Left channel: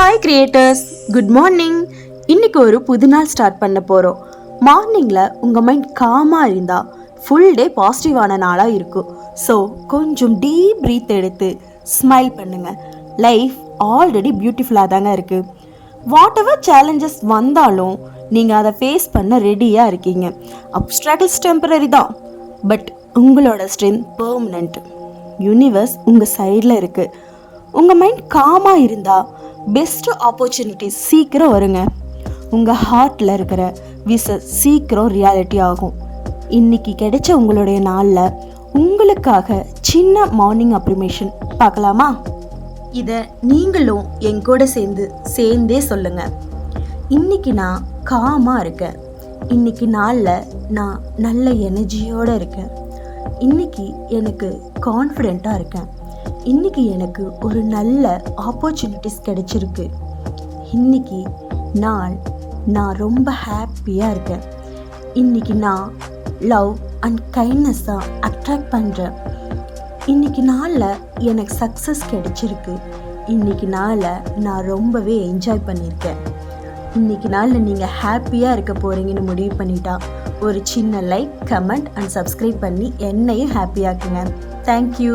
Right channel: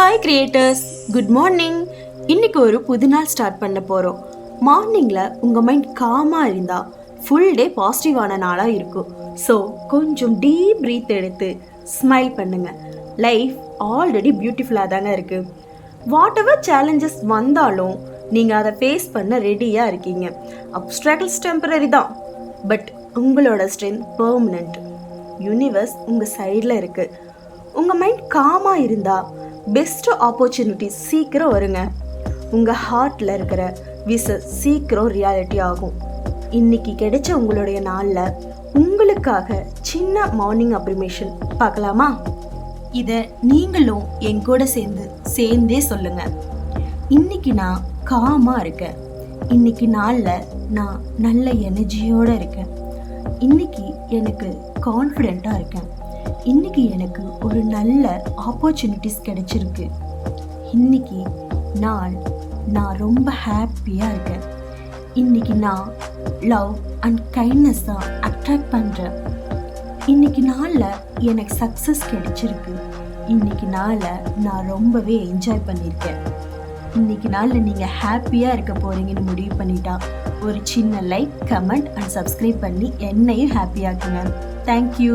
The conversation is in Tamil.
Hi creators, good morning. இன்னைக்கு ஒரு புது நாள் ஸ்டார்ட் பண்ண போகிறோம். மார்னிங்கில் உங்கள் மைண்ட் காமாக இருந்தால் ஃபுல் டே பாசிட்டிவான நாளாக இருக்கும். ஸோ கொஞ்சம் டீப் ப்ரீத் எடுத்து ஸ்மைல் பண்ணுங்கள். லைஃப் ஆல்ரெடி பியூட்டிஃபுல்லாக தாங்க இருக்குது. வாட் எவர் சேலஞ்சஸ் வந்தாலும் நீங்கள் அதை ஃபேஸ் பண்ண ரெடியாக இருக்கீங்க. அப்ஸ்ட்ராக்ட்ஸ் டெம்பரரி தான், பட் உங்களோட ஸ்ட்ரென்த் பெர்மனண்ட். யூனிவர்ஸ் உங்கள் சைடில் இருக்குது. உங்கள் மைண்ட் காமாக இருந்தால் பெஸ்ட்டு ஆப்பர்ச்சுனிட்டிஸ் சீக்கிரம் வருங்க. உங்கள் ஹார்ட்டில் இருக்கிற விஷஸ் சீக்கிரம் ரியாலிட்டி ஆகும். இன்னைக்கு கிடைச்ச உங்களுடைய நாளில் உங்களுக்காக சின்ன மார்னிங் அப்ரிமேஷன் பார்க்கலாமா? இதை நீங்களும் என் கூட சேர்ந்தே சொல்லுங்க. இன்னைக்கு நான் காமாக இருக்கேன். இன்னைக்கு நாளில் நான் நல்ல எனர்ஜியோடு இருக்கேன். இன்னைக்கு எனக்கு கான்ஃபிடெண்ட்டாக இருக்கேன். இன்னைக்கு எனக்கு ஒரு நல்ல ஆப்பர்ச்சுனிட்டிஸ் கிடைச்சிருக்கு. இன்னைக்கு நான் ரொம்ப ஹாப்பியாக இருக்கேன். இன்னைக்கு நான் லவ் அண்ட் கைண்ட்னஸாக அட்ராக்ட் பண்ணுறேன். இன்னைக்கு நாளில் எனக்கு சக்ஸஸ் கிடைச்சிருக்கு. இன்னைக்கு நாளில் நான் ரொம்பவே என்ஜாய் பண்ணியிருக்கேன். இன்னைக்கு நாளில் நீங்கள் ஹாப்பியாக இருக்க போகிறீங்கன்னு முடிவு பண்ணிட்டா ஒரு சின்ன லைக், கமெண்ட் அண்ட் சப்ஸ்கிரைப் பண்ணி என்னையும் ஹாப்பியாக்குங்க. தேங்க்யூ.